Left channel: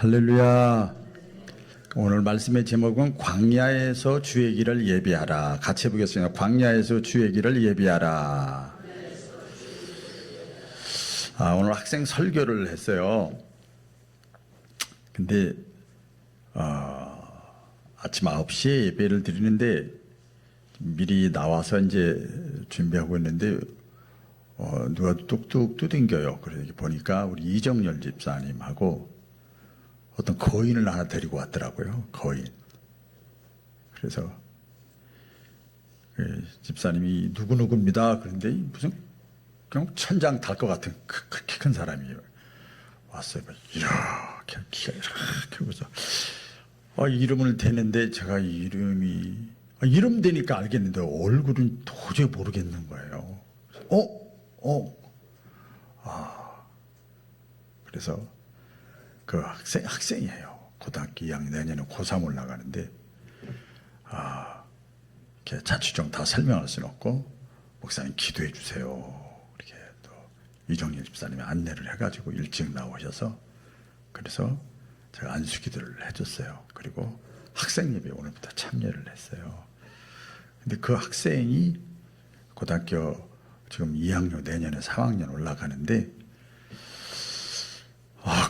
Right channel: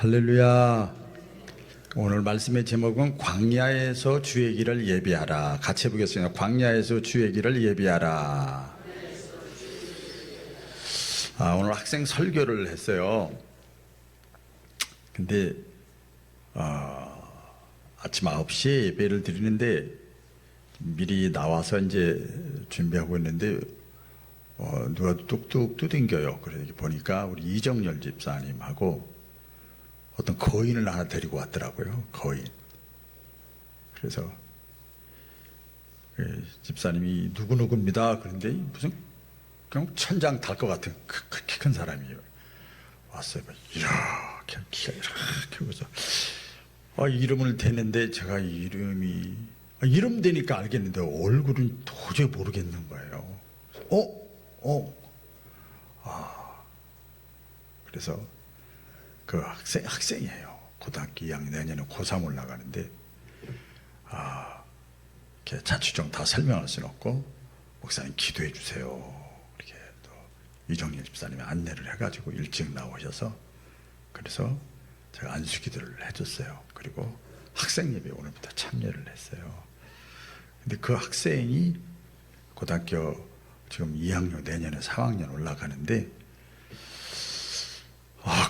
할렐루야. 오늘 말씀의 제목은 광야에서 주의 길을 예비하라. 같이 해보겠습니다. 광야에서 주의 길을 예비하라. 오늘 학생 설교를 했어요. 근데 아침 9시에 예배를 드리는데 미리 나와서 이제 준비하고 있는데 누가 뚝뚝 두들겨요. 그래서 보니까 우리 이정열 집사님하고 어떤 거인을 하나 데리고 왔더라고요. 거인. 그래서 집사님이 누구누구입니다. 그런데 무슨 그냥 천장 탈 것 같은 그렇게 큰 사람이에요. 왔어요. 이렇게 키가 이렇게 그래서 이름을 대는데 제가 이름 대니까 알겠는데 얼굴은 도저히 모르겠는 거예요. 그래서 그 학생이에요. 고등학교 2학년, 내년에 고3 올라가는데 이렇게 자취 다 설명할 수는 없고 목사님 기도해 주세요. 이렇게 또 이정일 집사님이 안내를 해가지고 일찍 나오셔서 그래서 제가 안수기도를 해줬어요. 그리고 학생 예배 오늘부터 참여를 했어요. 근데 그 학생이 고등학교 지금 2학년, 내년에 3학년 올라가는데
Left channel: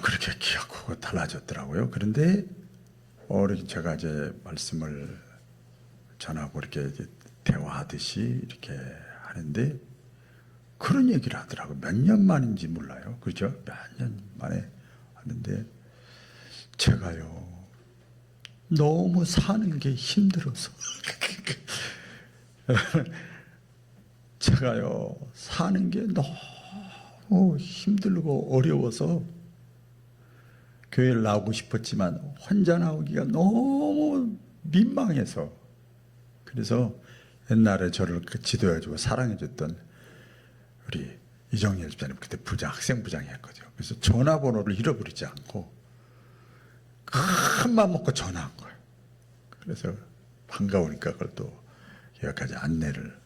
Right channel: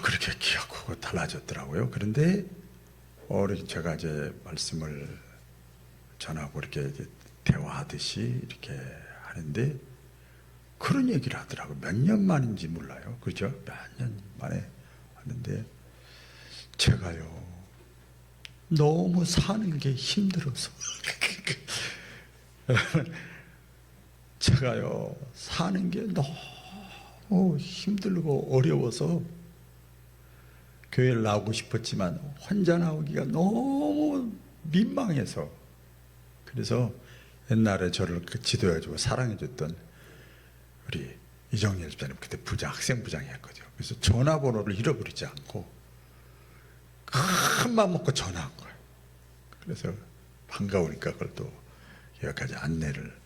그렇게 키가 크고 달라졌더라고요. 그런데 제가 이제 말씀을 전하고 이렇게 이제 대화하듯이 이렇게 하는데 그런 얘기를 하더라고요. 몇 년 만인지 몰라요. 그렇죠? 몇 년 만에 하는데 제가요 너무 사는 게 힘들어서 제가요 사는 게 너무 힘들고 어려워서 교회를 나오고 싶었지만 혼자 나오기가 너무 민망해서 그래서 옛날에 저를 지도해주고 사랑해줬던 우리 이정일 집사님 그때 학생 부장이었거든요. 그래서 전화번호를 잃어버리지 않고 큰 맘 먹고 전화한 거예요. 그래서 반가우니까 그걸 또 여기까지 안내를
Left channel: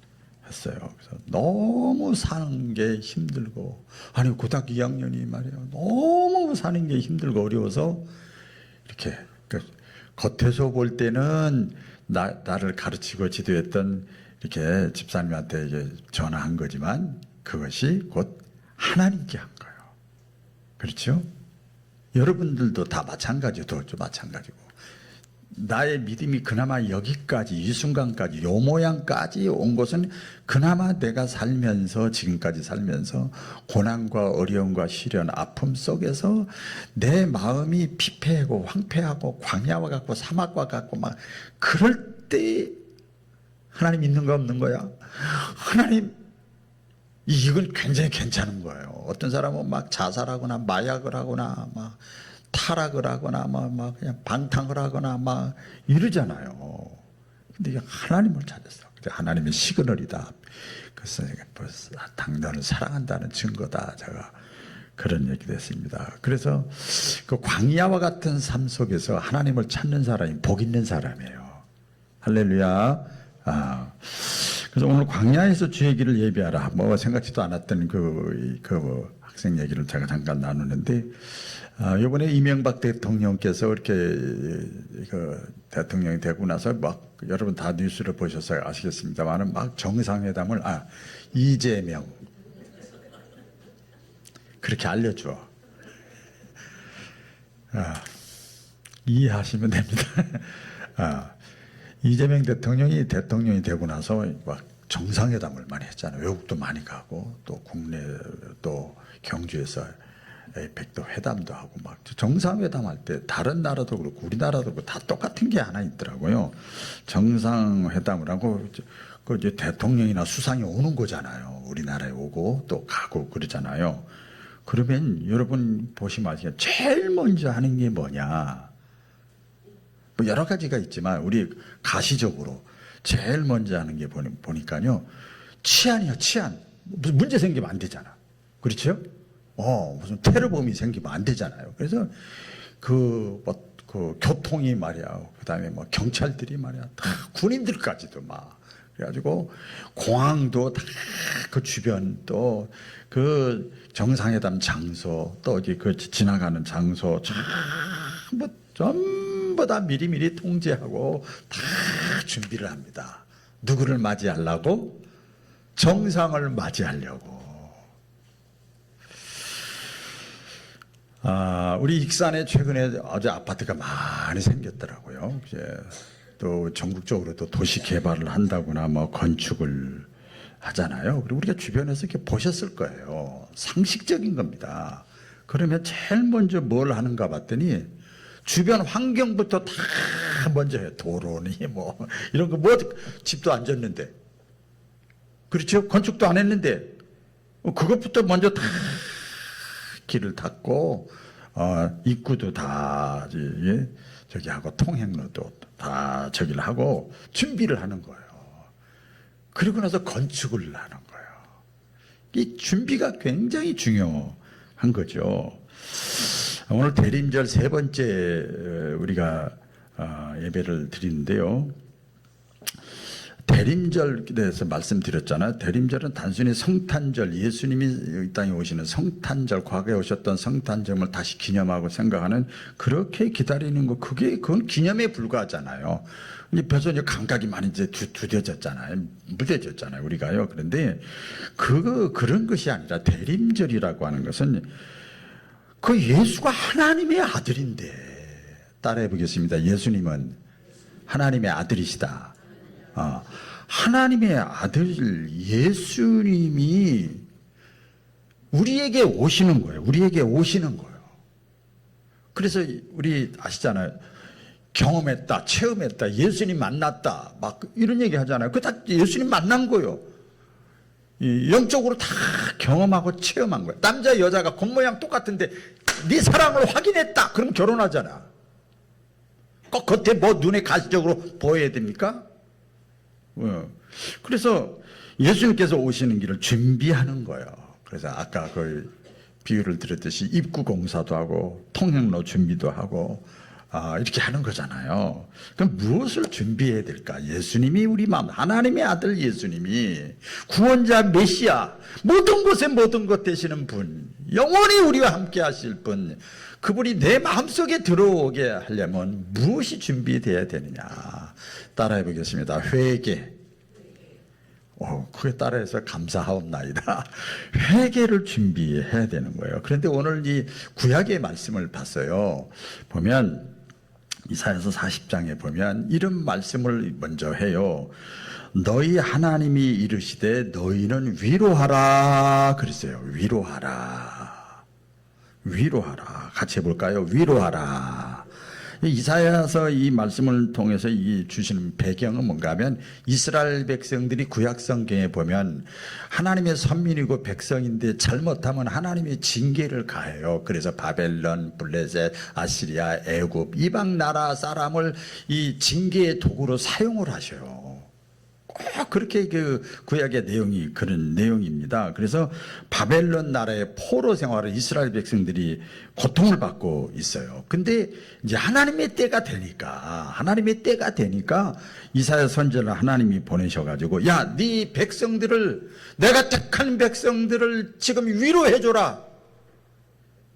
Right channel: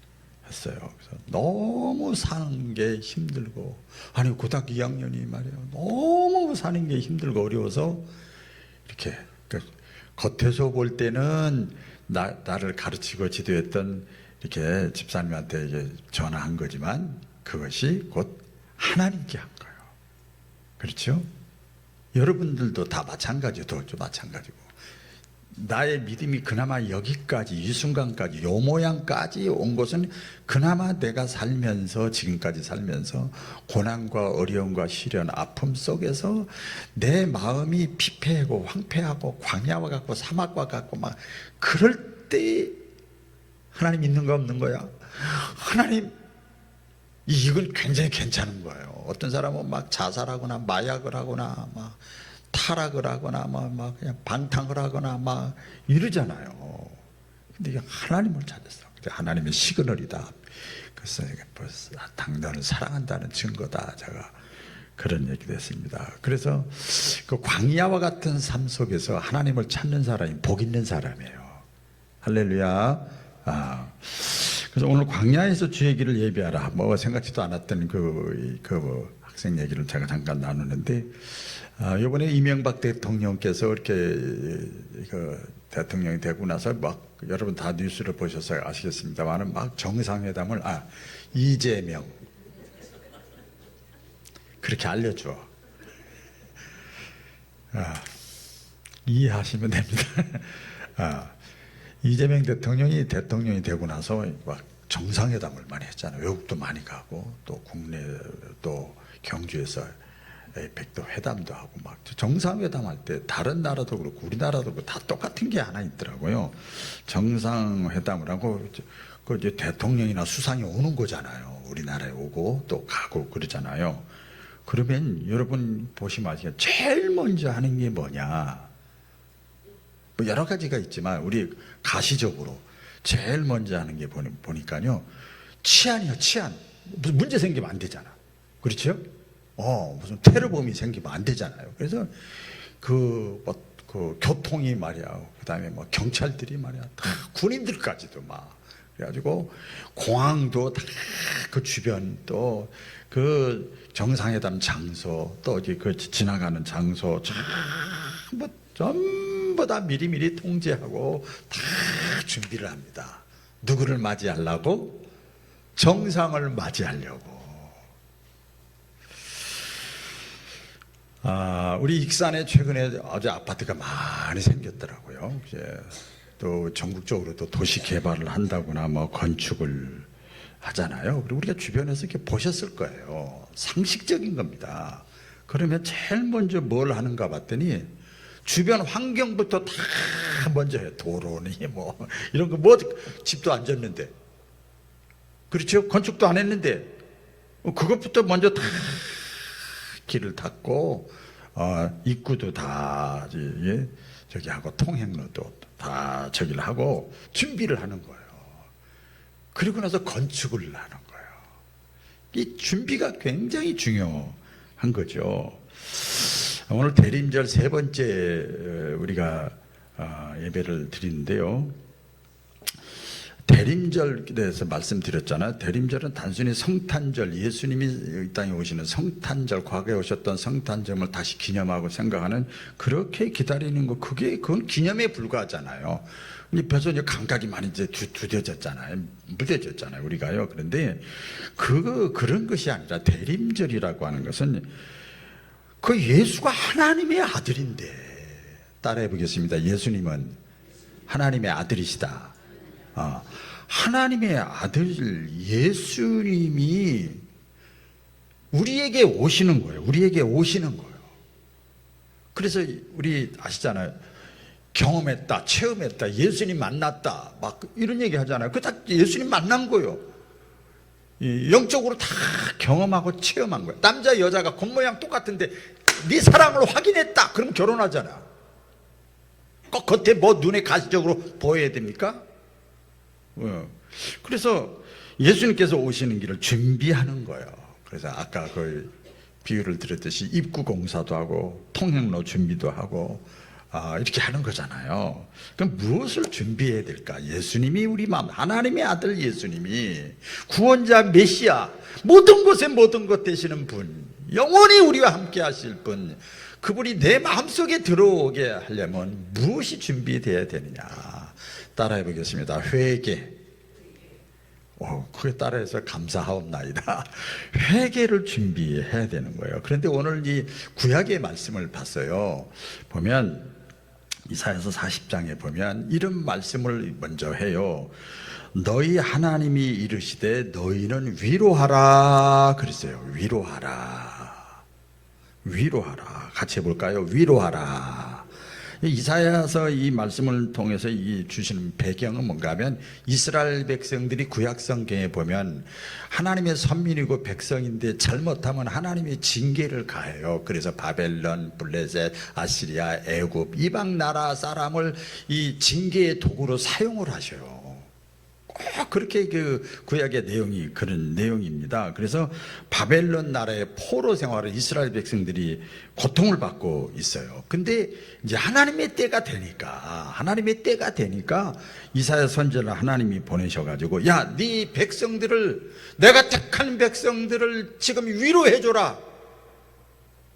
했어요. 그래서 너무 사는 게 힘들고 고등학교 2학년이 말이야 너무 사는 게 힘들고 어려워서 이렇게 겉에서 볼 때는 나를 가르치고 지도했던 이렇게 집사님한테 이제 전화한 거지만 그것이 곧 하나님께 한 거예요. 그렇죠? 여러분들도 다 마찬가지고 나의 믿음이 그나마 여기까지 이 순간까지 요 모양까지 온 것은 그나마 내가 살면서 지금까지 살면서 고난과 어려움과 시련 아픔 속에서 내 마음이 피폐하고 황폐하고 광야와 같고 사막과 같고 막 그럴 때 하나님 있는가 없는 거야? 하나님 이건 굉장히 괜찮은 거예요. 어떤 사람은 막 자살하거나 마약을 하거나 막 타락을 하거나 막 그냥 방탕을 하거나 막 이러잖아요. 근데 하나님을 찾았어. 하나님의 시그널이다. 그래서 당신을 사랑한다는 증거다. 제가 그런 얘기도 했습니다. 그래서 그 광야와 같은 삶 속에서 하나님을 찾는 사람이 복 있는 사람이에요. 할렐루야. 그래서 오늘 광야에서 주의 길을 예비하라. 생각지도 않았던 그 학생 얘기를 제가 잠깐 나누는데 이번에 이명박 대통령께서 이렇게 대통령이 되고 나서 막 여러분 다 뉴스를 보셔서 아시겠습니다만은 막 정상회담을 이재명 그렇게 알려줘. 이해하시면 됩니다. 이재명 대통령이 되고 나서 막 정상회담을 많이 했잖아요. 외국도 많이 가고 또 국내 또 경주에서 에이펙도 회담도 하고 막 정상회담 할 때 다른 나라도 그렇고 우리나라도 그렇고 다 똑같은 게 하나 있더라고요. 정상회담을 하고 그 이제 대통령이나 수상이 오는 거잖아요. 우리나라에 오고 또 가고 그러잖아요. 그러면 여러분 보시면 아시겠지만 제일 먼저 하는 게 뭐냐? 여러 가지가 있지만 우리 가시적으로 제일 먼저 하는 게 보니까요. 치안이요, 치안. 무슨 문제 생기면 안 되잖아. 그렇죠? 무슨 테러범이 생기면 안 되잖아요. 그래서 그 교통이 말이야. 그 다음에 경찰들이 말이야. 다 군인들까지도 막 그래가지고 공항도 다 그 주변 또 그 정상회담 장소 또 그 지나가는 장소 전부 다 미리미리 통제하고 다 준비를 합니다. 누구를 맞이하려고? 정상을 맞이하려고. 우리 익산에 최근에 아주 아파트가 많이 생겼더라고요. 이제 또 전국적으로 또 도시 개발을 한다거나 뭐 건축을 하잖아요. 그리고 우리가 주변에서 이렇게 보셨을 거예요. 상식적인 겁니다. 그러면 제일 먼저 뭘 하는가 봤더니 주변 환경부터 다 먼저 해요. 도로니 뭐 이런 거 뭐 집도 안 졌는데, 그렇죠? 건축도 안 했는데 그것부터 먼저 다 길을 닦고 입구도 다 저기 하고 통행로도 다 저기를 하고 준비를 하는 거예요. 그리고 나서 건축을 하는 거예요. 이 준비가 굉장히 중요한 거죠. 오늘 대림절 세 번째 우리가 예배를 드리는데요. 대림절에 대해서 말씀드렸잖아요. 대림절은 단순히 성탄절, 예수님이 이 땅에 오시는 성탄절, 과거에 오셨던 성탄절을 다시 기념하고 생각하는, 그렇게 기다리는 거, 그건 기념에 불과하잖아요. 벌써 이제 감각이 많이 이제 두뎌졌잖아요. 무뎌졌잖아요, 우리가요. 그런데 그런 것이 아니라 대림절이라고 하는 것은 그 예수가 하나님의 아들인데, 따라해 보겠습니다. 예수님은 하나님의 아들이시다. 하나님의 아들 예수님이 우리에게 오시는 거예요. 우리에게 오시는 거예요. 그래서 우리 아시잖아요. 경험했다, 체험했다, 예수님 만났다, 막 이런 얘기 하잖아요. 그거 다 예수님 만난 거예요. 영적으로 다 경험하고 체험한 거예요. 남자 여자가 겉모양 똑같은데 네 사랑을 확인했다, 그럼 결혼하잖아. 꼭 겉에 뭐 눈에 가시적으로 보여야 됩니까? 그래서 예수님께서 오시는 길을 준비하는 거예요. 그래서 아까 그 비유를 드렸듯이 입구 공사도 하고 통행로 준비도 하고 이렇게 하는 거잖아요. 그럼 무엇을 준비해야 될까? 예수님이 우리 마음, 하나님의 아들 예수님이 구원자 메시아, 모든 곳에 모든 것 되시는 분, 영원히 우리와 함께 하실 분, 그분이 내 마음속에 들어오게 하려면 무엇이 준비되어야 되느냐? 따라해 보겠습니다. 회개. 그에 따라서 감사하옵나이다. 회개를 준비해야 되는 거예요. 그런데 오늘 이 구약의 말씀을 봤어요. 보면 이사야서 40장에 보면 이런 말씀을 먼저 해요. 너희 하나님이 이르시되 너희는 위로하라 그랬어요. 위로하라. 위로하라. 같이 해볼까요? 위로하라. 이사야서 이 말씀을 통해서 이 주시는 배경은 뭔가 하면 이스라엘 백성들이 구약 성경에 보면 하나님의 선민이고 백성인데 잘못하면 하나님의 징계를 가해요. 그래서 바벨론, 블레셋, 아시리아, 애굽 이방 나라 사람을 이 징계의 도구로 사용을 하셔요. 꼭 그렇게 그 구약의 내용이 그런 내용입니다. 그래서 바벨론 나라의 포로 생활을 이스라엘 백성들이 고통을 받고 있어요. 근데 이제 하나님의 때가 되니까 이사야 선지자를 하나님이 보내셔가지고 야, 네 백성들을, 내가 택한 백성들을 지금 위로해 줘라,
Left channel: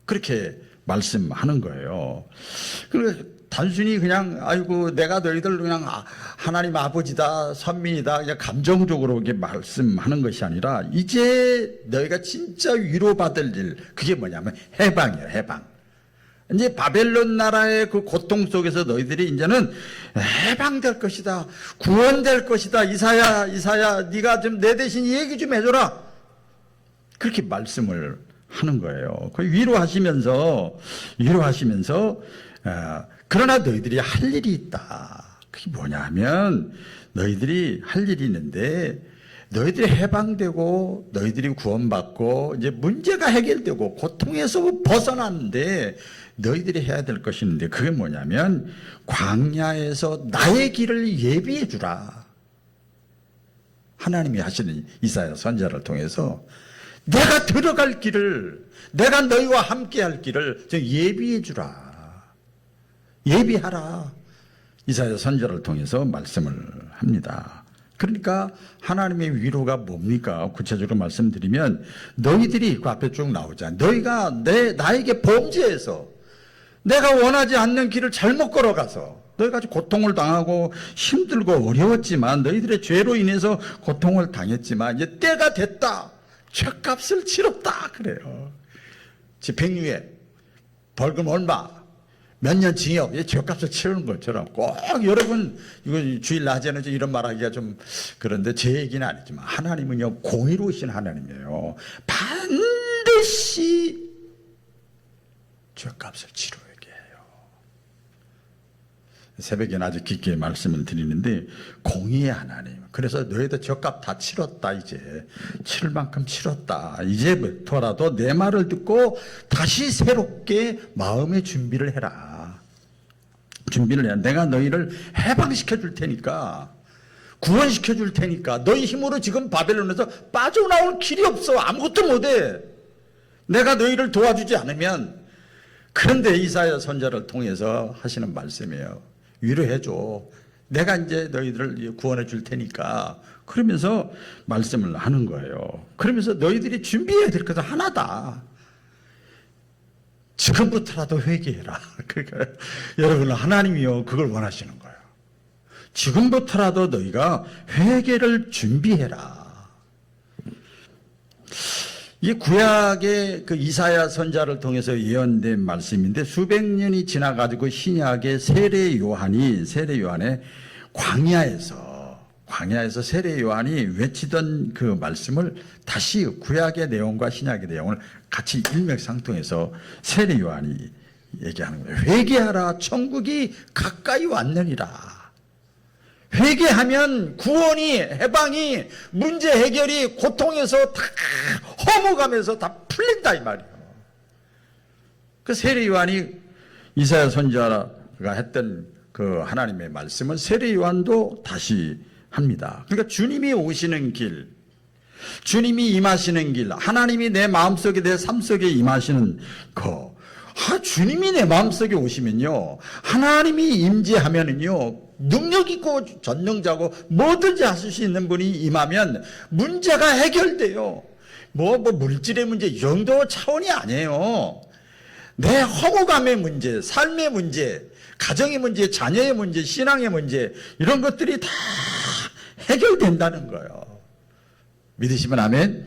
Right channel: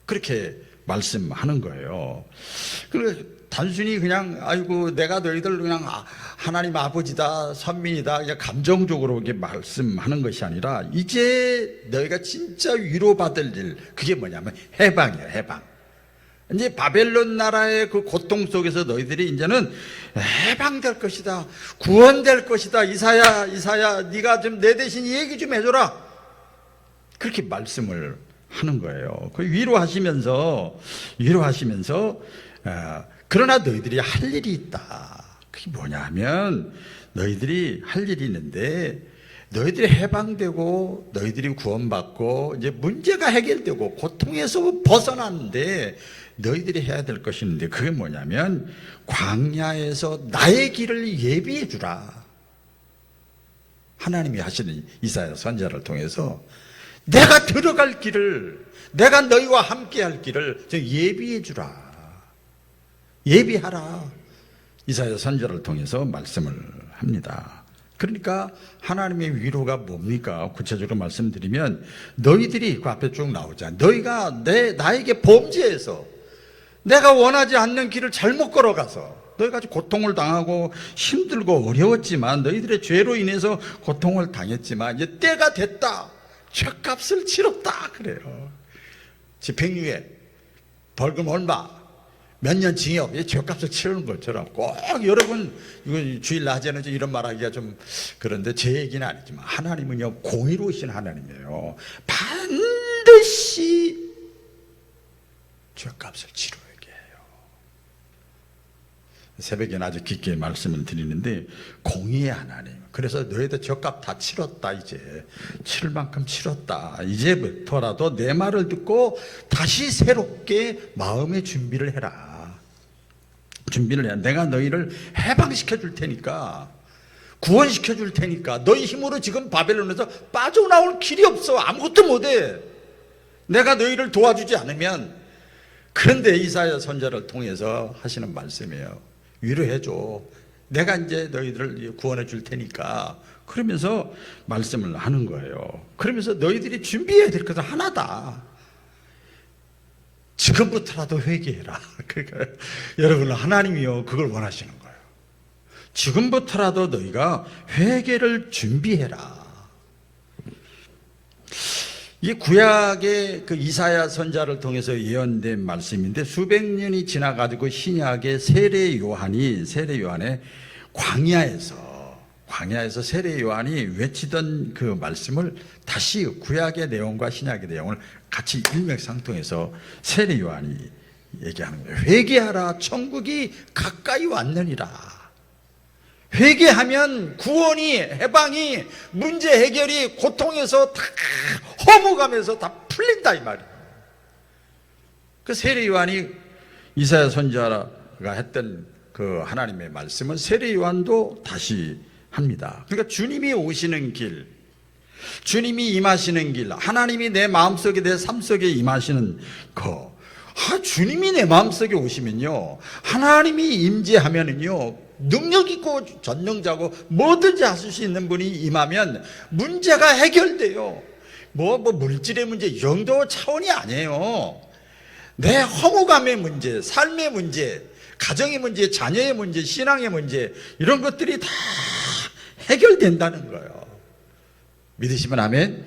그렇게 말씀하는 거예요. 그래서 단순히 그냥 아이고 내가 너희들 그냥 하나님 아버지다, 선민이다, 그냥 감정적으로 이렇게 말씀하는 것이 아니라 이제 너희가 진짜 위로받을 일, 그게 뭐냐면 해방이에요. 해방. 이제 바벨론 나라의 그 고통 속에서 너희들이 이제는 해방될 것이다, 구원될 것이다. 이사야 네가 좀 내 대신 얘기 좀 해줘라, 그렇게 말씀을 하는 거예요. 그 위로하시면서 그러나 너희들이 할 일이 있다. 그게 뭐냐 하면 너희들이 할 일이 있는데, 너희들이 해방되고 너희들이 구원받고 이제 문제가 해결되고 고통에서 벗어났는데 너희들이 해야 될 것이 있는데, 그게 뭐냐면 광야에서 나의 길을 예비해 주라. 하나님이 하시는 이사야 선지자를 통해서 내가 들어갈 길을, 내가 너희와 함께 할 길을 예비해 주라, 예비하라. 이사야 선지자를 통해서 말씀을 합니다. 그러니까 하나님의 위로가 뭡니까? 구체적으로 말씀드리면 너희들이 그 앞에 쭉 나오잖아. 너희가 나에게 범죄해서 내가 원하지 않는 길을 잘못 걸어가서 너희가 고통을 당하고 힘들고 어려웠지만 너희들의 죄로 인해서 고통을 당했지만 이제 때가 됐다. 죄값을 치렀다. 그래요. 집행유예, 벌금 얼마, 몇 년 징역, 죄값을 치르는 것처럼 꼭 여러분, 이거 주일 낮에는 이런 말하기가 좀 그런데 제 얘기는 아니지만 하나님은요 공의로우신 하나님이에요. 반드시 죄값을 치러야 해요. 새벽에 아주 깊게 말씀을 드리는데 공의의 하나님. 그래서 너희들 죄값 다 치렀다. 이제 치를 만큼 치렀다. 이제부터라도 내 말을 듣고 다시 새롭게 마음의 준비를 해라. 준비를 해야 내가 너희를 해방시켜 줄 테니까, 구원시켜 줄 테니까. 너희 힘으로 지금 바벨론에서 빠져나올 길이 없어. 아무것도 못해. 내가 너희를 도와주지 않으면. 그런데 이사야 선지자를 통해서 하시는 말씀이에요. 위로해줘. 내가 이제 너희들을 구원해 줄 테니까. 그러면서 말씀을 하는 거예요. 그러면서 너희들이 준비해야 될 것은 하나다. 지금부터라도 회개해라. 그러니까 여러분, 하나님이요 그걸 원하시는 거예요. 지금부터라도 너희가 회개를 준비해라. 이 구약의 그 이사야 선지자를 통해서 예언된 말씀인데 수백 년이 지나가지고 신약의 세례 요한의 광야에서 세례 요한이 외치던 그 말씀을 다시 구약의 내용과 신약의 내용을 같이 일맥상통해서 세례 요한이 얘기하는 거예요. 회개하라, 천국이 가까이 왔느니라. 회개하면 구원이, 해방이, 문제 해결이 고통에서 다 허무감에서 다 풀린다 이 말이에요. 그 세례 요한이 이사야 선지자가 했던 그 하나님의 말씀은 세례 요한도 다시 합니다. 그러니까 주님이 오시는 길, 주님이 임하시는 길, 하나님이 내 마음속에, 내 삶 속에 임하시는 거. 주님이 내 마음속에 오시면요, 하나님이 임재하면은요, 능력 있고 전능자고 뭐든지 하실 수 있는 분이 임하면 문제가 해결돼요. 뭐 물질의 문제 이 정도 차원이 아니에요. 내 허무감의 문제, 삶의 문제, 가정의 문제, 자녀의 문제, 신앙의 문제, 이런 것들이 다 해결된다는 거예요. 믿으시면 아멘.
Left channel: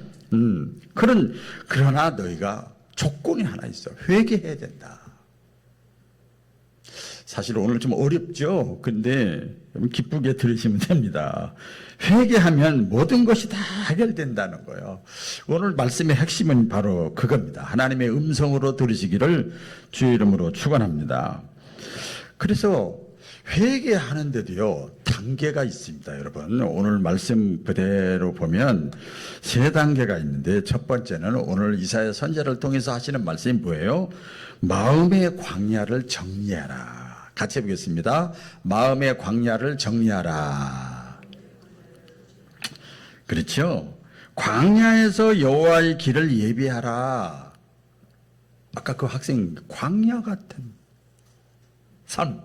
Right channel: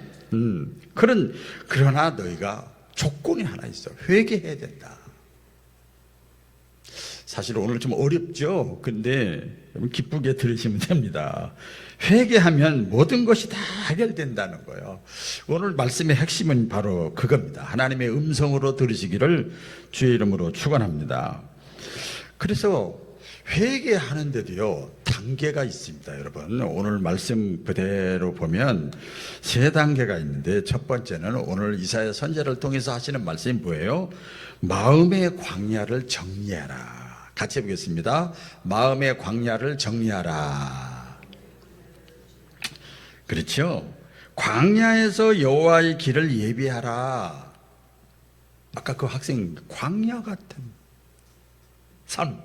그러나 너희가 조건이 하나 있어. 회개해야 된다. 사실 오늘 좀 어렵죠. 근데 기쁘게 들으시면 됩니다. 회개하면 모든 것이 다 해결된다는 거예요. 오늘 말씀의 핵심은 바로 그겁니다. 하나님의 음성으로 들으시기를 주의 이름으로 축원합니다. 그래서 회개하는데도요 단계가 있습니다. 여러분, 오늘 말씀 그대로 보면 세 단계가 있는데, 첫 번째는 오늘 이사야 선지자를 통해서 하시는 말씀이 뭐예요? 마음의 광야를 정리하라. 같이 해보겠습니다. 마음의 광야를 정리하라. 그렇죠? 광야에서 여호와의 길을 예비하라. 아까 그 학생, 광야 같은 삶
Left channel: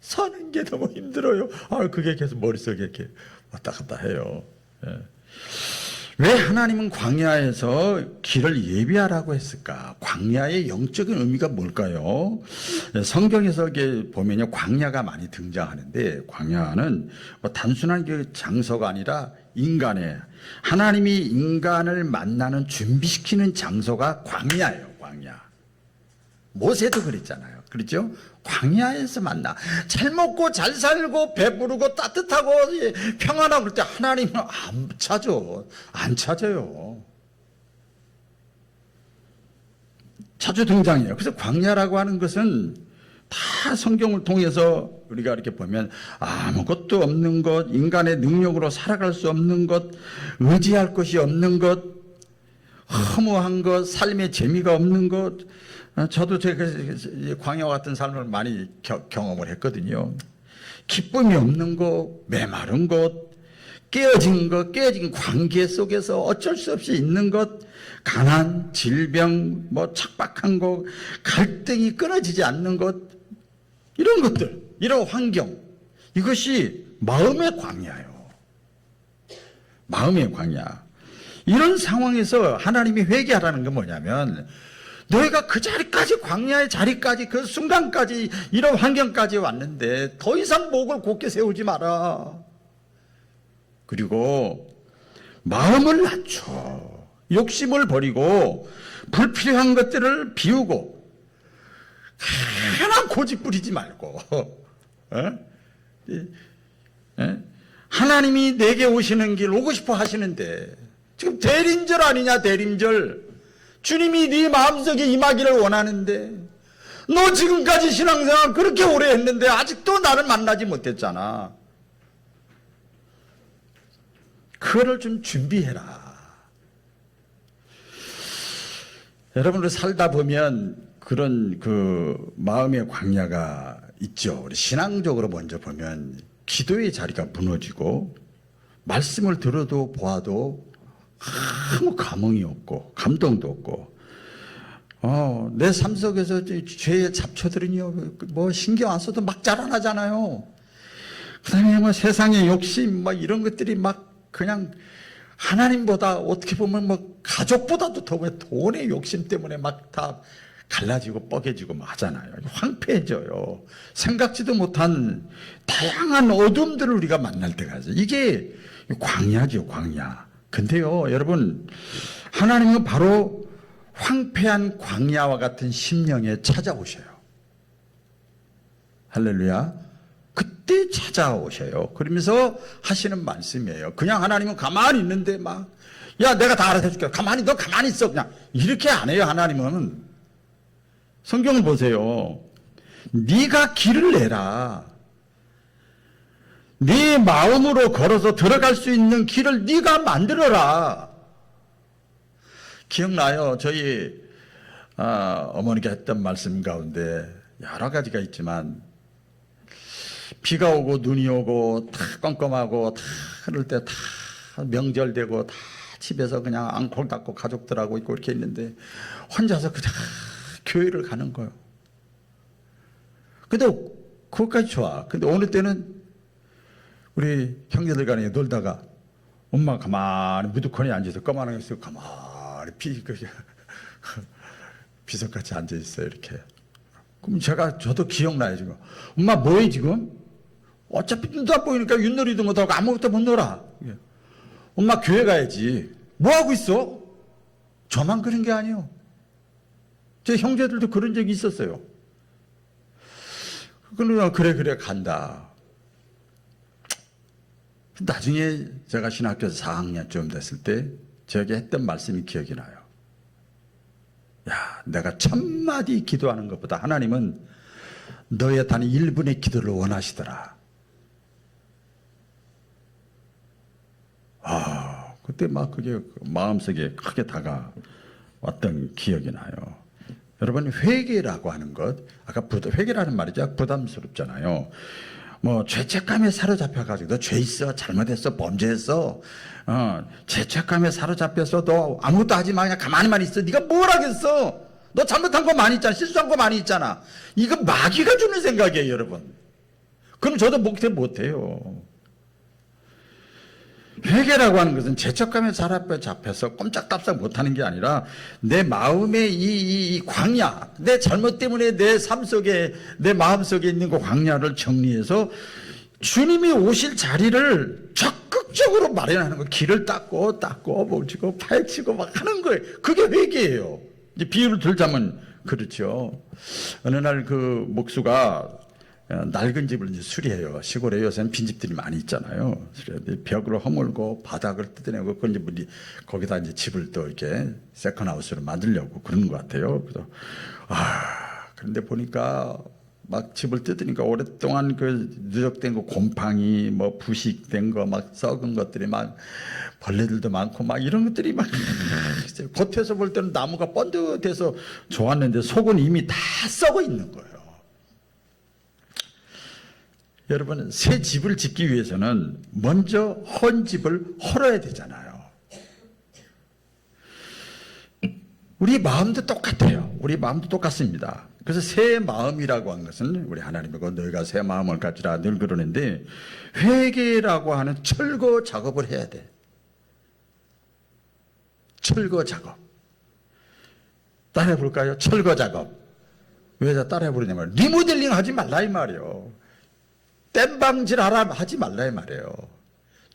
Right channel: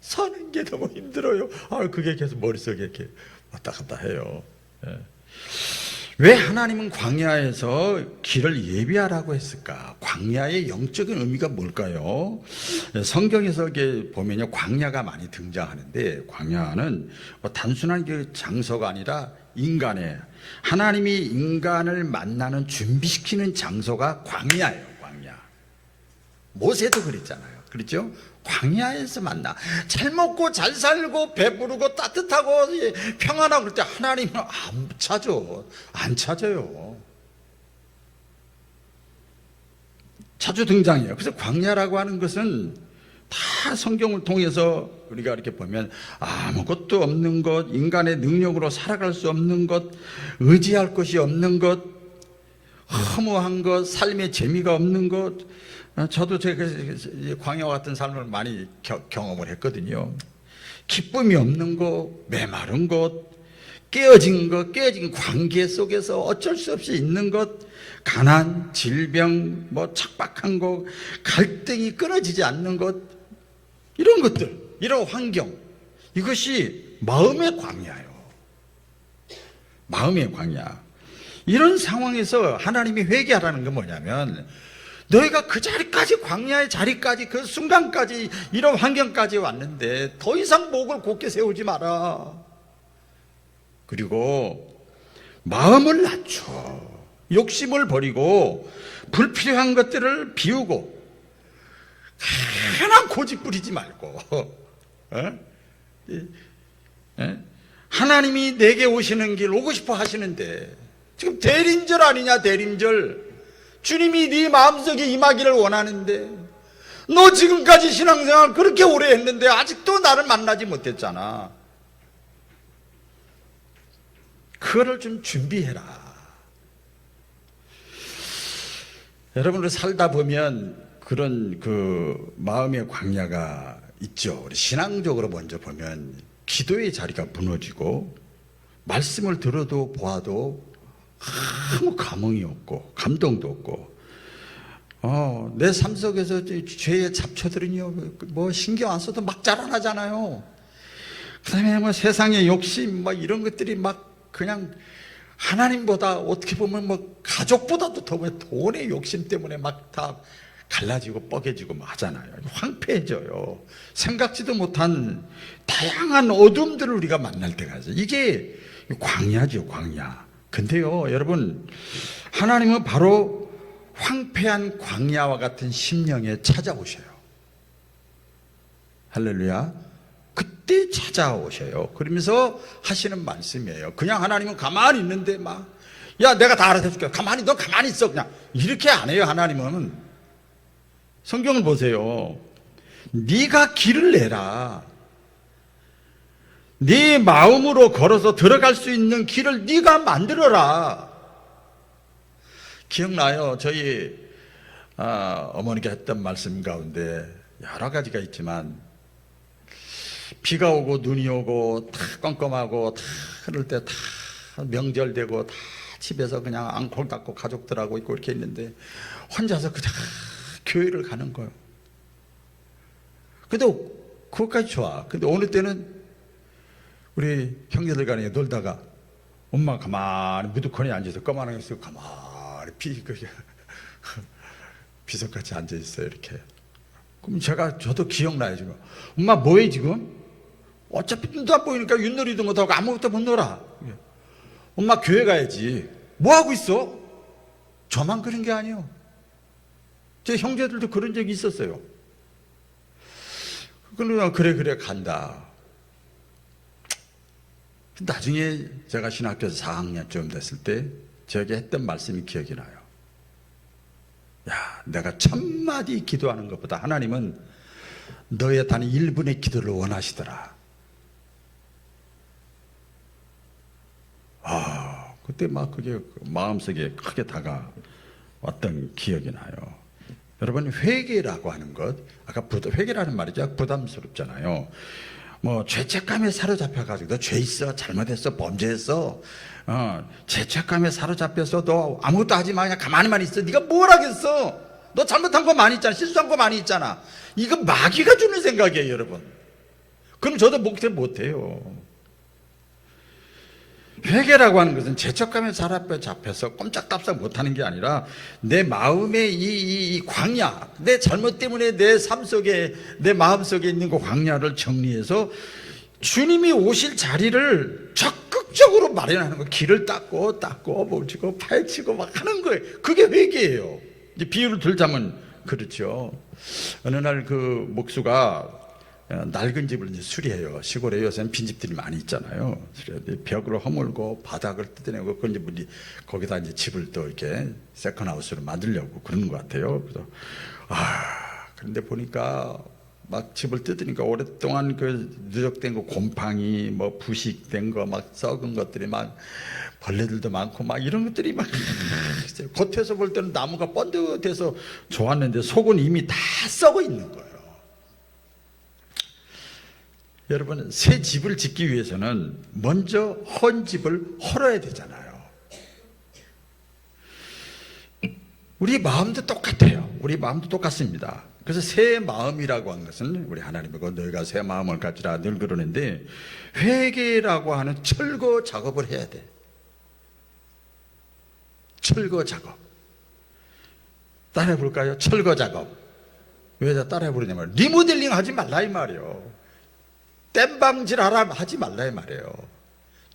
사는 게 너무 힘들어요. 그게 계속 머릿속에 이렇게 왔다 갔다 해요. 왜 하나님은 광야에서 길을 예비하라고 했을까? 광야의 영적인 의미가 뭘까요? 성경에서 보면요, 광야가 많이 등장하는데, 광야는 단순한 그 장소가 아니라 하나님이 인간을 만나는 준비시키는 장소가 광야예요. 광야. 모세도 그랬잖아요. 그렇죠? 광야에서 만나. 잘 먹고 잘 살고 배부르고 따뜻하고 평안하고 그럴 때 하나님은 안 찾아요. 자주 등장해요. 그래서 광야라고 하는 것은 다 성경을 통해서 우리가 이렇게 보면 아무것도 없는 것, 인간의 능력으로 살아갈 수 없는 것, 의지할 것이 없는 것, 허무한 것, 삶의 재미가 없는 것. 저도 제가 광야와 같은 삶을 많이 경험을 했거든요. 기쁨이 없는 것, 메마른 것, 깨어진 관계 속에서 어쩔 수 없이 있는 것, 가난, 질병, 척박한 것, 갈등이 끊어지지 않는 것, 이런 것들, 이런 환경, 이것이 마음의 광야예요. 마음의 광야. 이런 상황에서 하나님이 회개하라는 건 뭐냐면, 너희가 그 자리까지, 광야의 자리까지, 그 순간까지, 이런 환경까지 왔는데 더 이상 목을 곧게 세우지 마라. 그리고 마음을 낮춰, 욕심을 버리고 불필요한 것들을 비우고, 그냥 고집 부리지 말고, 하나님이 내게 오시는 길 오고 싶어 하시는데, 지금 대림절 아니냐, 대림절. 주님이 네 마음속에 임하기를 원하는데, 너 지금까지 신앙생활 그렇게 오래 했는데 아직도 나를 만나지 못했잖아. 그거를 좀 준비해라. 여러분들 살다 보면 그런 그 마음의 광야가 있죠. 우리 신앙적으로 먼저 보면 기도의 자리가 무너지고, 말씀을 들어도 보아도 아무 감흥이 없고 감동도 없고, 내 삶 속에서 죄의 잡초들은요, 뭐 신경 안 써도 막 자라나잖아요. 그 다음에 뭐 세상의 욕심, 막 이런 것들이 막 그냥 하나님보다 어떻게 보면 뭐 가족보다도 더 돈의 욕심 때문에 막 다 갈라지고 뻐개지고 막 하잖아요. 황폐해져요. 생각지도 못한 다양한 어둠들을 우리가 만날 때가 있어요. 이게 광야죠, 광야. 근데요, 여러분, 하나님은 바로 황폐한 광야와 같은 심령에 찾아오셔요. 할렐루야. 그때 찾아오셔요. 그러면서 하시는 말씀이에요. 그냥 하나님은 가만히 있는데 막, 야, 내가 다 알아서 해줄게. 가만히, 너 가만히 있어. 그냥 이렇게 안 해요, 하나님은. 성경을 보세요. 네가 길을 내라. 네 마음으로 걸어서 들어갈 수 있는 길을 네가 만들어라. 기억나요? 저희 어머니가 했던 말씀 가운데 여러 가지가 있지만, 비가 오고 눈이 오고 다 껌껌하고 다 그럴 때 다 명절 되고 다 집에서 그냥 앙콜 닫고 가족들하고 있고 이렇게 있는데 혼자서 그냥 교회를 가는 거예요. 근데 그것까지 좋아. 근데 어느 때는 우리 형제들 간에 놀다가 엄마 가만히 무드콘에 앉아서 꺼만하게 쓰고 가만히 비석같이 앉아있어요. 이렇게. 그럼 저도 기억나요. 지금 엄마 뭐해 지금? 어차피 눈도 안 보이니까 윷놀이도 못하고 아무것도 못 놀아. 엄마 교회 가야지. 뭐하고 있어? 저만 그런 게 아니에요. 제 형제들도 그런 적이 있었어요. 그래 간다. 나중에 제가 신학교에서 4학년쯤 됐을 때 저에게 했던 말씀이 기억이 나요. 야, 내가 1000마디 기도하는 것보다 하나님은 너의 단 1분의 기도를 원하시더라. 그때 막 그게 마음속에 크게 다가왔던 기억이 나요. 여러분, 회개라고 하는 것, 아까 회개라는 말이죠. 부담스럽잖아요. 뭐 죄책감에 사로잡혀가지고 너 죄 있어, 잘못했어, 범죄했어, 죄책감에 사로잡혀서 너 아무것도 하지 마, 그냥 가만히만 있어. 네가 뭘 하겠어? 너 잘못한 거 많이 있잖아, 실수한 거 많이 있잖아. 이거 마귀가 주는 생각이에요, 여러분. 그럼 저도 목대 못해요. 회개라고 하는 것은 죄책감에 사로잡혀서 꼼짝답작 못하는 게 아니라 내 마음의 이 광야, 내 잘못 때문에 내 삶 속에, 내 마음 속에 있는 그 광야를 정리해서 주님이 오실 자리를 적극적으로 마련하는 거. 길을 닦고 뭉치고 파헤치고 막 하는 거예요. 그게 회개예요. 이제 비유를 들자면 그렇죠. 어느 날 그 목수가 낡은 집을 이제 수리해요. 시골에 요새는 빈집들이 많이 있잖아요. 벽을 허물고 바닥을 뜯어내고 그건 이제 거기다 이제 집을 또 이렇게 세컨하우스로 만들려고 그러는 것 같아요. 그래서 그런데 보니까 막 집을 뜯으니까 오랫동안 그 누적된 거, 곰팡이, 뭐 부식된 거, 막 썩은 것들이 막 벌레들도 많고 막 이런 것들이 막 겉에서 볼 때는 나무가 번듯해서 좋았는데 속은 이미 다 썩어 있는 거예요. 여러분, 새 집을 짓기 위해서는 먼저 헌 집을 헐어야 되잖아요. 우리 마음도 똑같아요. 우리 마음도 똑같습니다. 그래서 새 마음이라고 하는 것은 우리 하나님이고 너희가 새 마음을 가지라 늘 그러는데, 회개라고 하는 철거 작업을 해야 돼. 철거 작업. 따라해 볼까요? 철거 작업. 왜 따라해 부르냐면 리모델링 하지 말라 이 말이에요. 땜방질 하지 말라 이 말이에요.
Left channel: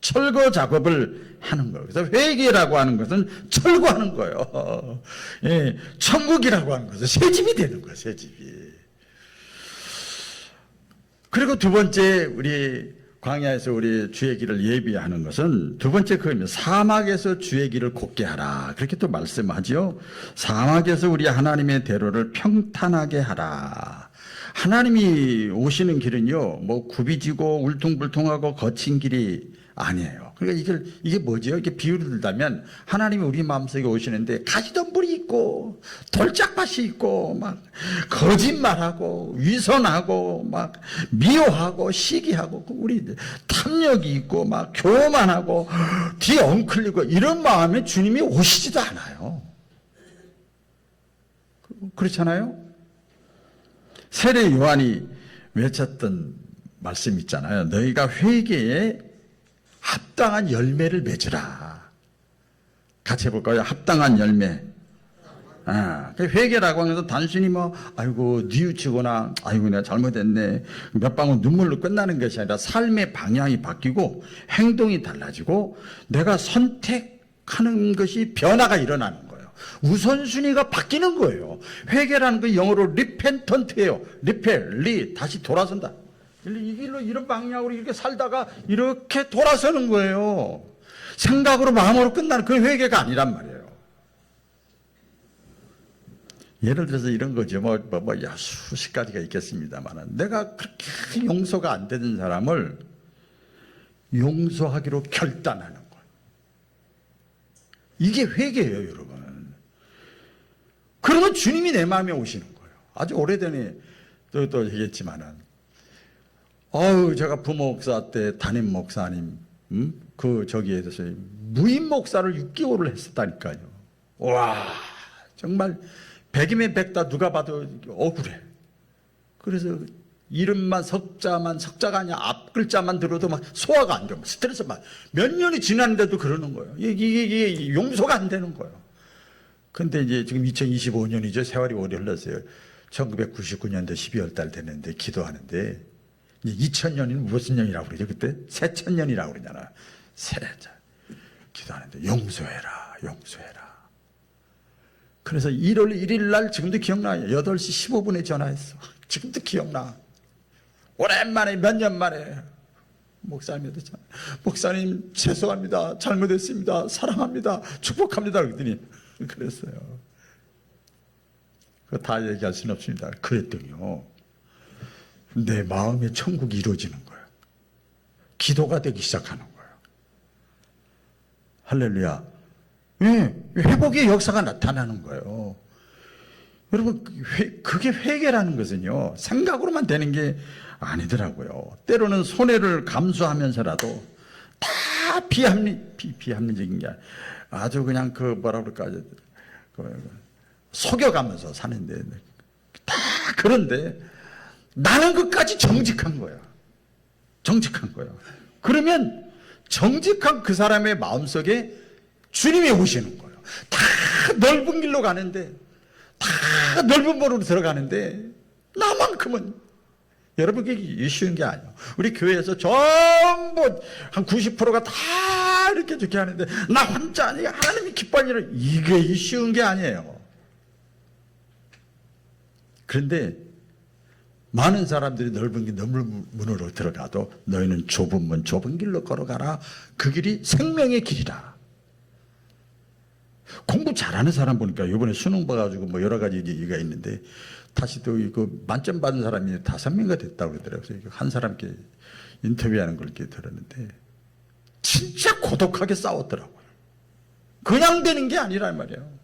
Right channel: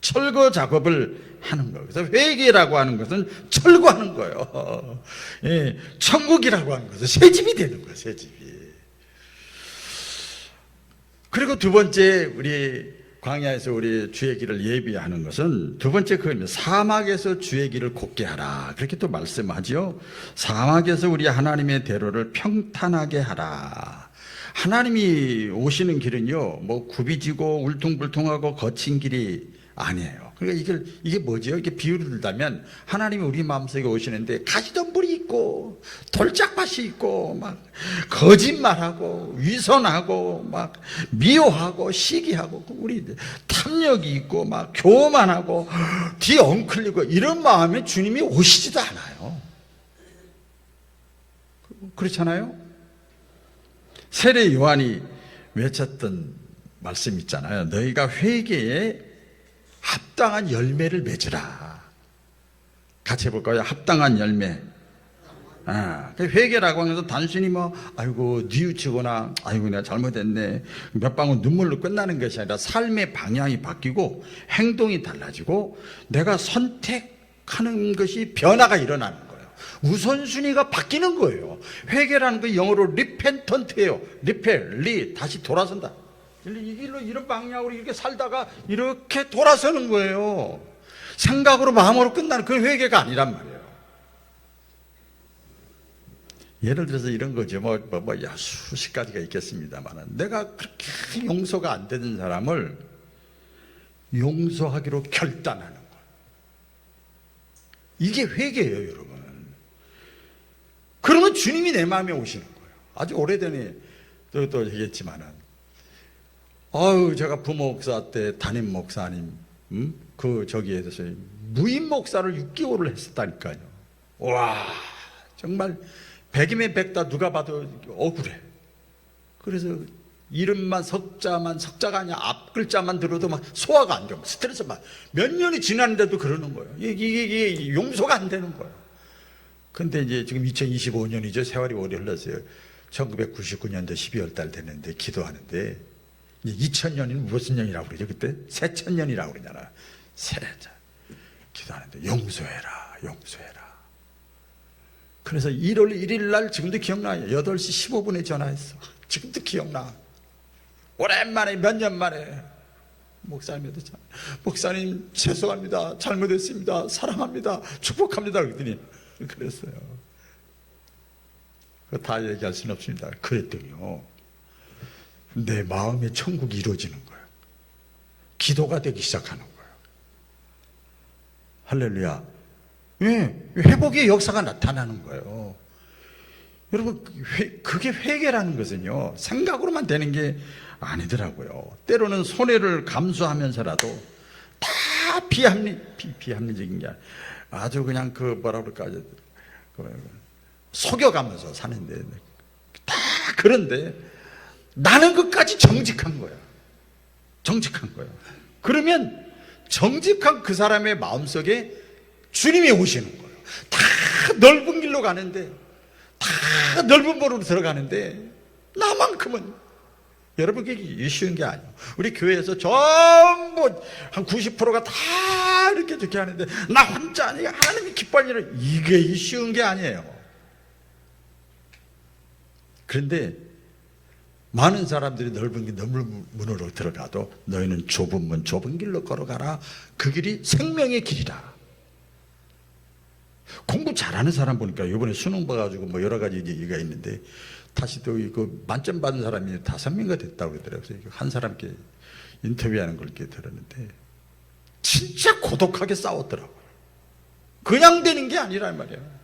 철거 작업을 하는 거예요. 그래서 회개라고 하는 것은 철거하는 거예요. 예, 천국이라고 하는 것은 새 집이 되는 거예요. 새 집이. 그리고 두 번째 우리 광야에서 우리 주의 길을 예비하는 것은 두 번째 그겁니다. 사막에서 주의 길을 곧게 하라. 그렇게 또 말씀하지요. 사막에서 우리 하나님의 대로를 평탄하게 하라. 하나님이 오시는 길은요, 뭐 굽이지고 울퉁불퉁하고 거친 길이 아니에요. 그러니까 이게 뭐죠? 이게 비유를 들자면 하나님이 우리 마음속에 오시는데 가시덤불이 있고 돌짝밭이 있고 막 거짓말하고 위선하고 막 미워하고 시기하고 우리 탐욕이 있고 막 교만하고 뒤 엉클리고 이런 마음에 주님이 오시지도 않아요. 그렇잖아요? 세례 요한이 외쳤던 말씀 있잖아요. 너희가 회개에 합당한 열매를 맺으라. 같이 해볼까요? 합당한 열매. 회개라고 하는 것은 단순히 뭐 아이고 뉘우치거나 아이고 내가 잘못했네 몇 방울 눈물로 끝나는 것이 아니라 삶의 방향이 바뀌고 행동이 달라지고 내가 선택하는 것이 변화가 일어나는 거예요. 우선순위가 바뀌는 거예요. 회개라는 거 영어로 리펜턴트예요. 다시 돌아선다. 이 길로 이런 방향으로 이렇게 살다가 이렇게 돌아서는 거예요. 생각으로 마음으로 끝나는 그 회개가 아니란 말이에요. 예를 들어서 이런 거죠. 수십 가지가 있겠습니다만 내가 그렇게 용서가 안 되는 사람을 용서하기로 결단하는 거예요. 이게 회개예요, 여러분. 그러면 주님이 내 마음에 오시는 거예요. 아주 오래전에 또 얘기했지만은 제가 부목사 때 담임 목사님, 저기에서 무임 목사를 6개월을 했었다니까요. 와, 정말 100이면 100다 누가 봐도 억울해. 그래서 이름만 석자가 아니라 앞 글자만 들어도 막 소화가 안 되고 스트레스 몇 년이 지났는데도 그러는 거예요. 이게 용서가 안 되는 거예요. 근데 이제 지금 2025년이죠. 세월이 오래 흘렀어요. 1999년도 12월 달 됐는데 기도하는데 2000년이 무슨 년이라고 그러죠? 그때 새천년이라고 그러잖아. 기도하는데 용서해라. 그래서 1월 1일 날 지금도 기억나요. 8시 15분에 전화했어. 지금도 기억나. 오랜만에 몇 년 만에 목사님한테 목사님 죄송합니다. 잘못했습니다. 사랑합니다. 축복합니다. 그랬더니 그랬어요. 그거 다 얘기할 수는 없습니다. 그랬더니요. 내 마음의 천국이 이루어지는 거예요. 기도가 되기 시작하는 거예요. 할렐루야. 회복의 역사가 나타나는 거예요. 여러분, 그게 회개라는 것은요, 생각으로만 되는 게 아니더라고요. 때로는 손해를 감수하면서라도 다 비합리적인 게 아주 그냥 속여가면서 사는데, 다 그런데 나는 것까지 정직한 거예요. 그러면 정직한 그 사람의 마음속에 주님이 오시는 거예요. 다 넓은 길로 가는데, 다 넓은 보로 들어가는데 나만큼은 여러분 그게 쉬운 게 아니에요. 우리 교회에서 전부 한 90%가 다 이렇게 좋게 하는데 나 혼자 아니 하나님이 기뻐하는 일은 이게 쉬운 게 아니에요. 그런데 많은 사람들이 넓은 문으로 들어가도 너희는 좁은 문 좁은 길로 걸어가라. 그 길이 생명의 길이라. 공부 잘하는 사람 보니까 이번에 수능 봐가지고 여러 가지 얘기가 있는데 다시 또 이거 만점 받은 사람이 5명가 됐다고 그러더라고요. 그래서 한 사람께 인터뷰하는 걸 이렇게 들었는데 진짜 고독하게 싸웠더라고요. 그냥 되는 게 아니란 말이에요.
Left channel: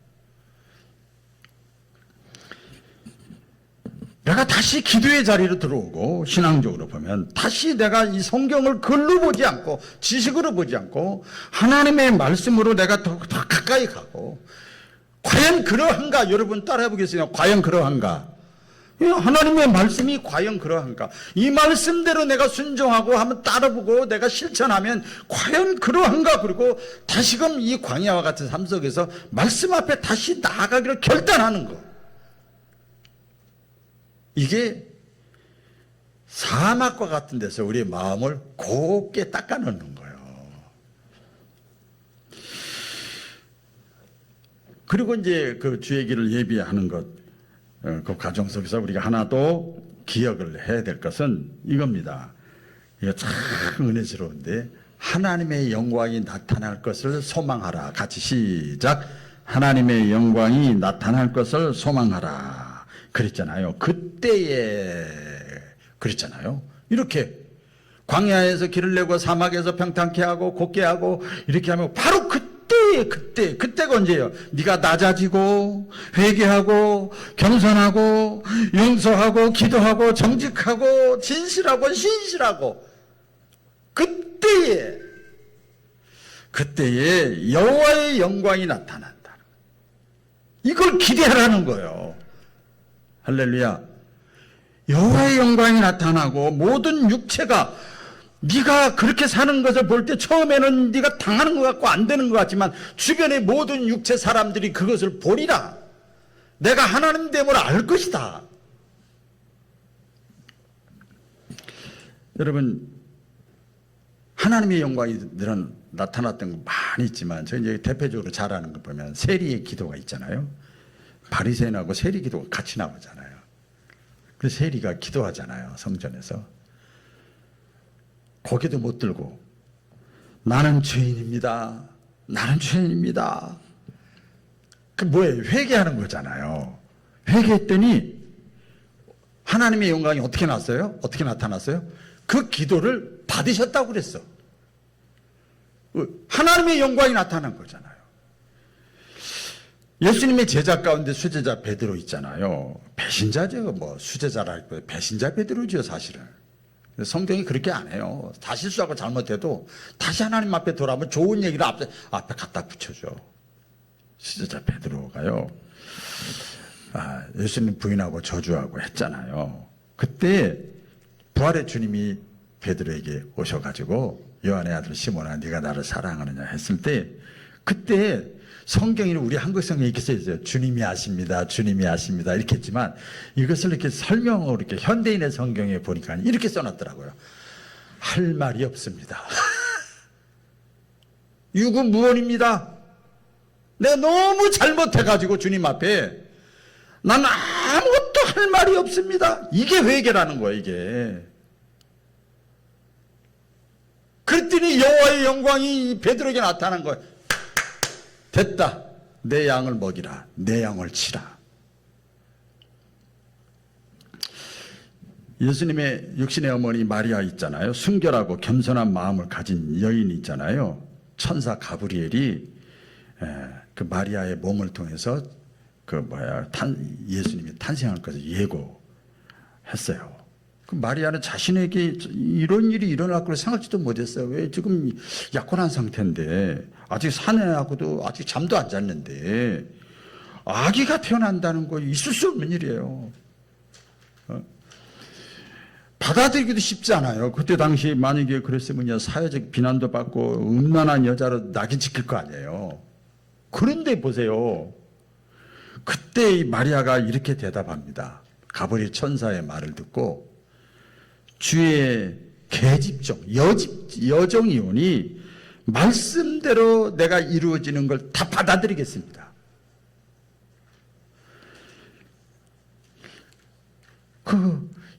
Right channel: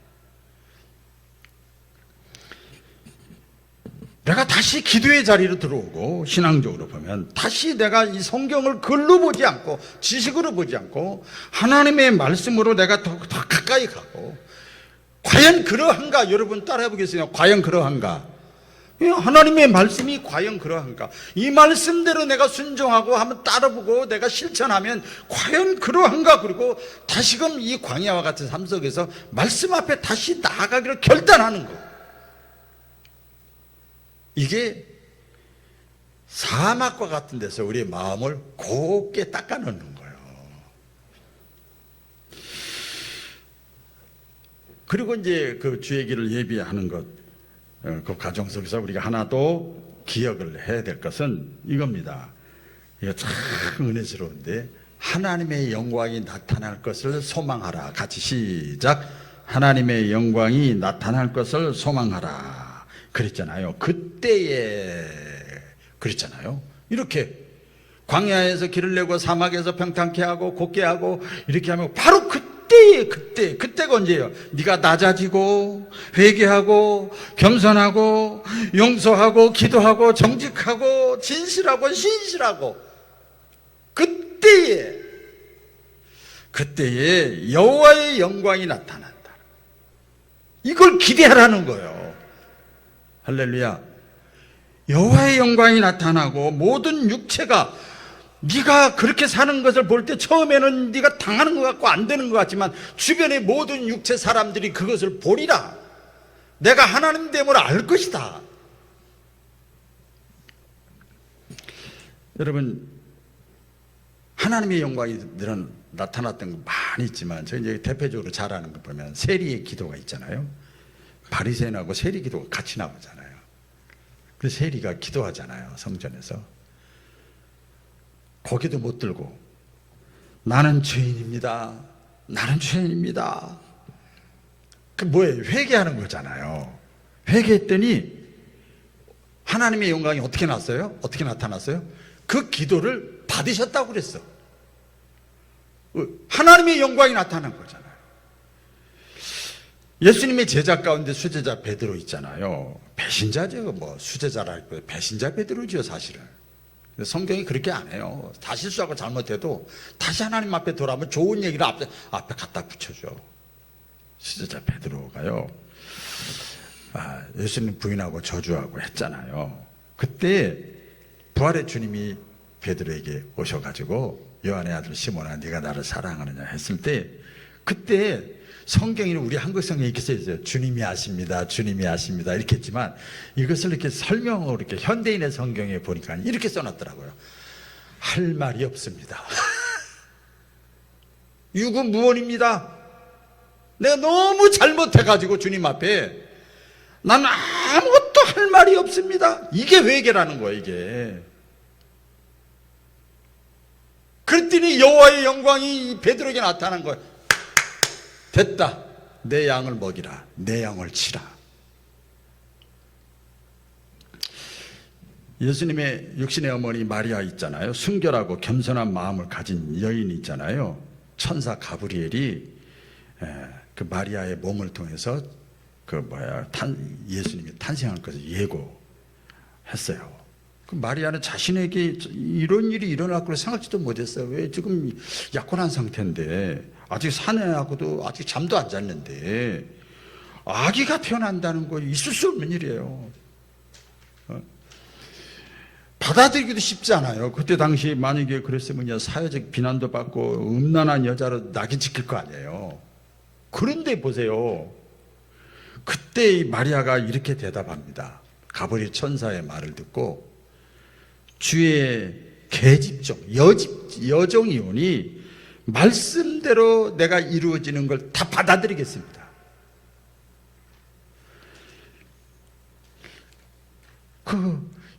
내가 다시 기도의 자리로 들어오고 신앙적으로 보면 다시 내가 이 성경을 글로 보지 않고 지식으로 보지 않고 하나님의 말씀으로 내가 더 가까이 가고 과연 그러한가? 여러분 따라해 보겠습니다. 과연 그러한가? 하나님의 말씀이 과연 그러한가? 이 말씀대로 내가 순종하고 한번 따라보고 내가 실천하면 과연 그러한가? 그리고 다시금 이 광야와 같은 삶 속에서 말씀 앞에 다시 나아가기를 결단하는 것. 이게 사막과 같은 데서 우리의 마음을 곱게 닦아놓는 거예요. 그리고 이제 그 주의 길을 예비하는 것, 그 과정 속에서 우리가 하나 더 기억을 해야 될 것은 이겁니다. 이거 참 은혜스러운데, 하나님의 영광이 나타날 것을 소망하라. 같이 시작. 하나님의 영광이 나타날 것을 소망하라. 그랬잖아요. 그때에 그랬잖아요. 이렇게 광야에서 길을 내고 사막에서 평탄케 하고 곱게 하고 이렇게 하면 바로 그때가 언제예요? 네가 낮아지고 회개하고 겸손하고 용서하고 기도하고 정직하고 진실하고 신실하고 그때에 여호와의 영광이 나타난다. 이걸 기대하라는 거예요. 할렐루야. 여호와의 영광이 나타나고 모든 육체가 네가 그렇게 사는 것을 볼 때 처음에는 네가 당하는 것 같고 안 되는 것 같지만 주변의 모든 육체 사람들이 그것을 보리라. 내가 하나님 됨을 알 것이다. 여러분, 하나님의 영광이 나타났던 거 많이 있지만 저희 이제 대표적으로 잘 아는 거 보면 세리의 기도가 있잖아요. 바리새인하고 세리 기도가 같이 나오잖아요. 그래서 세리가 기도하잖아요. 성전에서. 고개도 못 들고 나는 죄인입니다. 나는 죄인입니다. 그 뭐예요? 회개하는 거잖아요. 회개했더니 하나님의 영광이 어떻게 났어요? 어떻게 나타났어요? 그 기도를 받으셨다고 그랬어. 하나님의 영광이 나타난 거잖아요. 예수님의 제자 가운데 수제자 베드로 있잖아요. 배신자죠. 뭐 수제자랄 배신자 베드로죠, 사실은. 성경이 그렇게 안 해요. 다 실수하고 잘못해도 다시 하나님 앞에 돌아오면 좋은 얘기를 앞에 갖다 붙여줘. 수제자 베드로가요. 예수님 부인하고 저주하고 했잖아요. 그때 부활의 주님이 베드로에게 오셔가지고 요한의 아들 시몬아 네가 나를 사랑하느냐 했을 때 그때 성경이 우리 한국 성경에 이렇게 써있어요. 주님이 아십니다. 주님이 아십니다. 이렇게 했지만 이것을 이렇게 설명으로 이렇게 현대인의 성경에 보니까 이렇게 써놨더라고요. 할 말이 없습니다. 유구무원입니다. 내가 너무 잘못해가지고 주님 앞에 나는 아무것도 할 말이 없습니다. 이게 회개라는 거예요. 이게. 그랬더니 여호와의 영광이 베드로에게 나타난 거예요. 됐다. 내 양을 먹이라. 내 양을 치라. 예수님의 육신의 어머니 마리아 있잖아요. 순결하고 겸손한 마음을 가진 여인이 있잖아요. 천사 가브리엘이 그 마리아의 몸을 통해서 예수님이 탄생할 것을 예고했어요. 그 마리아는 자신에게 이런 일이 일어날 거라 생각지도 못했어요. 왜 지금 약혼한 상태인데 아직 사내하고도 아직 잠도 안 잤는데 아기가 태어난다는 거 있을 수 없는 일이에요. 받아들이기도 쉽지 않아요. 그때 당시 만약에 그랬으면 사회적 비난도 받고 음란한 여자로 낙인 찍힐 거 아니에요. 그런데 보세요. 그때 마리아가 이렇게 대답합니다. 가브리엘 천사의 말을 듣고 주의 계집종 여정이 오니 말씀대로 내가 이루어지는 걸 다 받아들이겠습니다.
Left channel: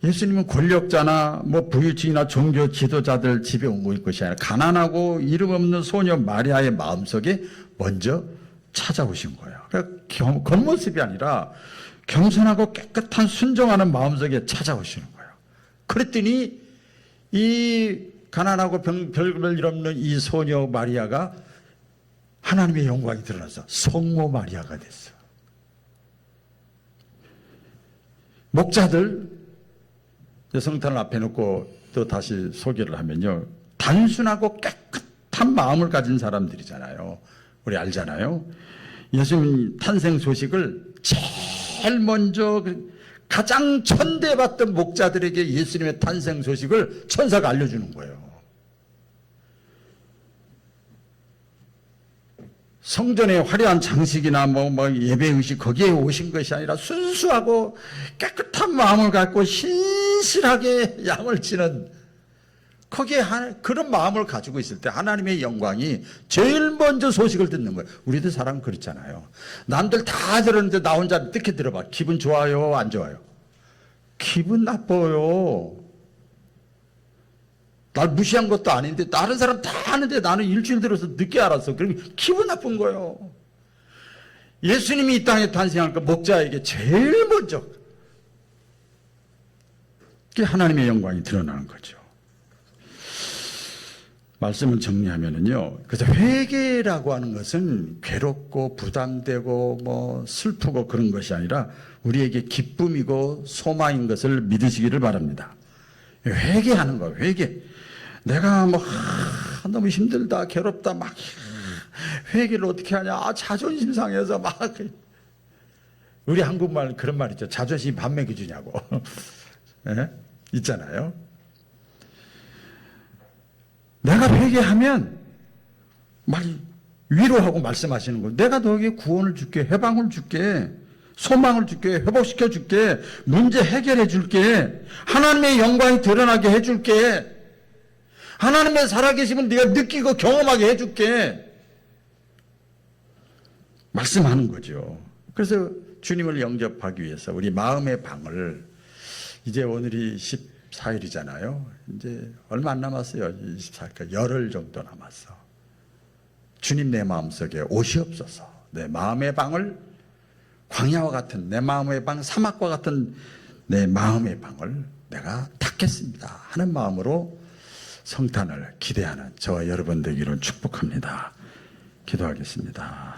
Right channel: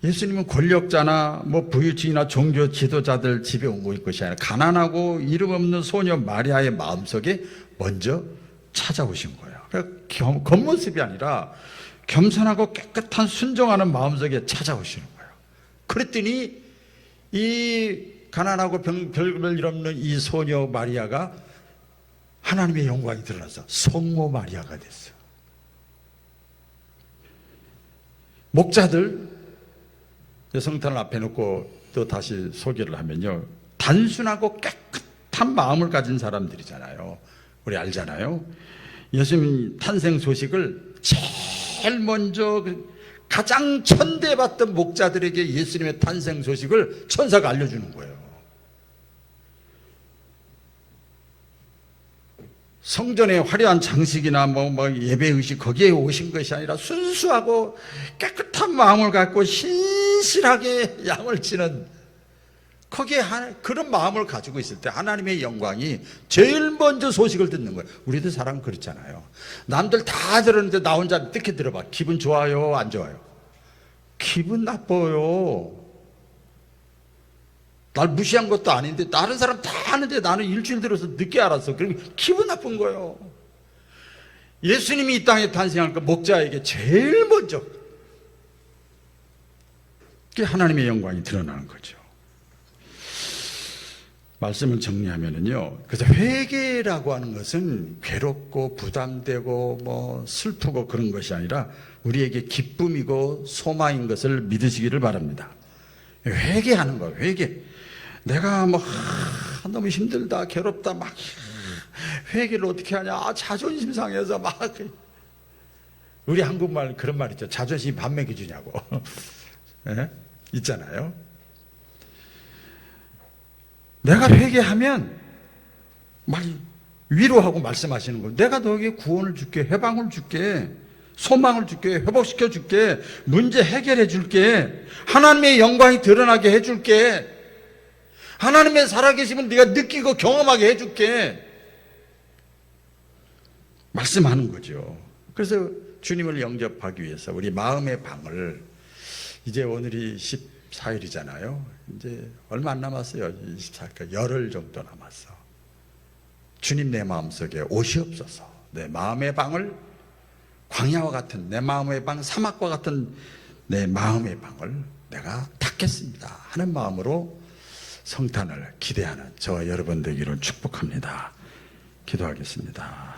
예수님은 권력자나 부유층이나 종교 지도자들 집에 온 것이 아니라 가난하고 이름 없는 소녀 마리아의 마음속에 먼저 찾아오신 거예요. 그러니까 겉모습이 아니라 겸손하고 깨끗한 순종하는 마음속에 찾아오시는 거예요. 그랬더니 이 가난하고 별걸 일 없는 이 소녀 마리아가 하나님의 영광이 드러나서 성모 마리아가 됐어. 목자들 성탄을 앞에 놓고 또 다시 소개를 하면요, 단순하고 깨끗한 마음을 가진 사람들이잖아요. 우리 알잖아요. 예수님 탄생 소식을 제일 먼저 가장 천대받던 목자들에게 예수님의 탄생 소식을 천사가 알려주는 거예요. 성전의 화려한 장식이나 예배의식 거기에 오신 것이 아니라 순수하고 깨끗한 마음을 갖고 신실하게 양을 치는 거기에 그런 마음을 가지고 있을 때 하나님의 영광이 제일 먼저 소식을 듣는 거예요. 우리도 사람 그렇잖아요. 남들 다 들었는데 나 혼자 듣게 들어봐. 기분 좋아요? 안 좋아요? 기분 나빠요. 날 무시한 것도 아닌데 다른 사람 다 아는데 나는 일주일 들어서 늦게 알았어. 그러면 기분 나쁜 거예요. 예수님이 이 땅에 탄생하니까 목자에게 제일 먼저 하나님의 영광이 드러나는 거죠. 말씀을 정리하면요. 그래서 회개라고 하는 것은 괴롭고 부담되고 슬프고 그런 것이 아니라 우리에게 기쁨이고 소망인 것을 믿으시기를 바랍니다. 회개하는 거예요. 회개. 내가 너무 힘들다, 괴롭다, 회개를 어떻게 하냐, 자존심 상해서 우리 한국말 그런 말 있죠. 자존심이 밥 먹여주냐고. 네? 있잖아요. 내가 회개하면 위로하고 말씀하시는 거예요. 내가 너에게 구원을 줄게, 해방을 줄게, 소망을 줄게, 회복시켜 줄게, 문제 해결해 줄게, 하나님의 영광이 드러나게 해 줄게, 하나님의 살아계심을 네가 느끼고 경험하게 해 줄게 말씀하는 거죠. 그래서 주님을 영접하기 위해서 우리 마음의 방을, 이제 오늘이 14일이잖아요. 이제 얼마 안 남았어요. 24일까지 열흘 정도 남았어. 주님 내 마음속에 오시옵소서. 내 마음의 방을, 광야와 같은 내 마음의 방, 사막과 같은 내 마음의 방을 내가 닫겠습니다 하는 마음으로 성탄을 기대하는 저와 여러분 되기를 축복합니다. 기도하겠습니다.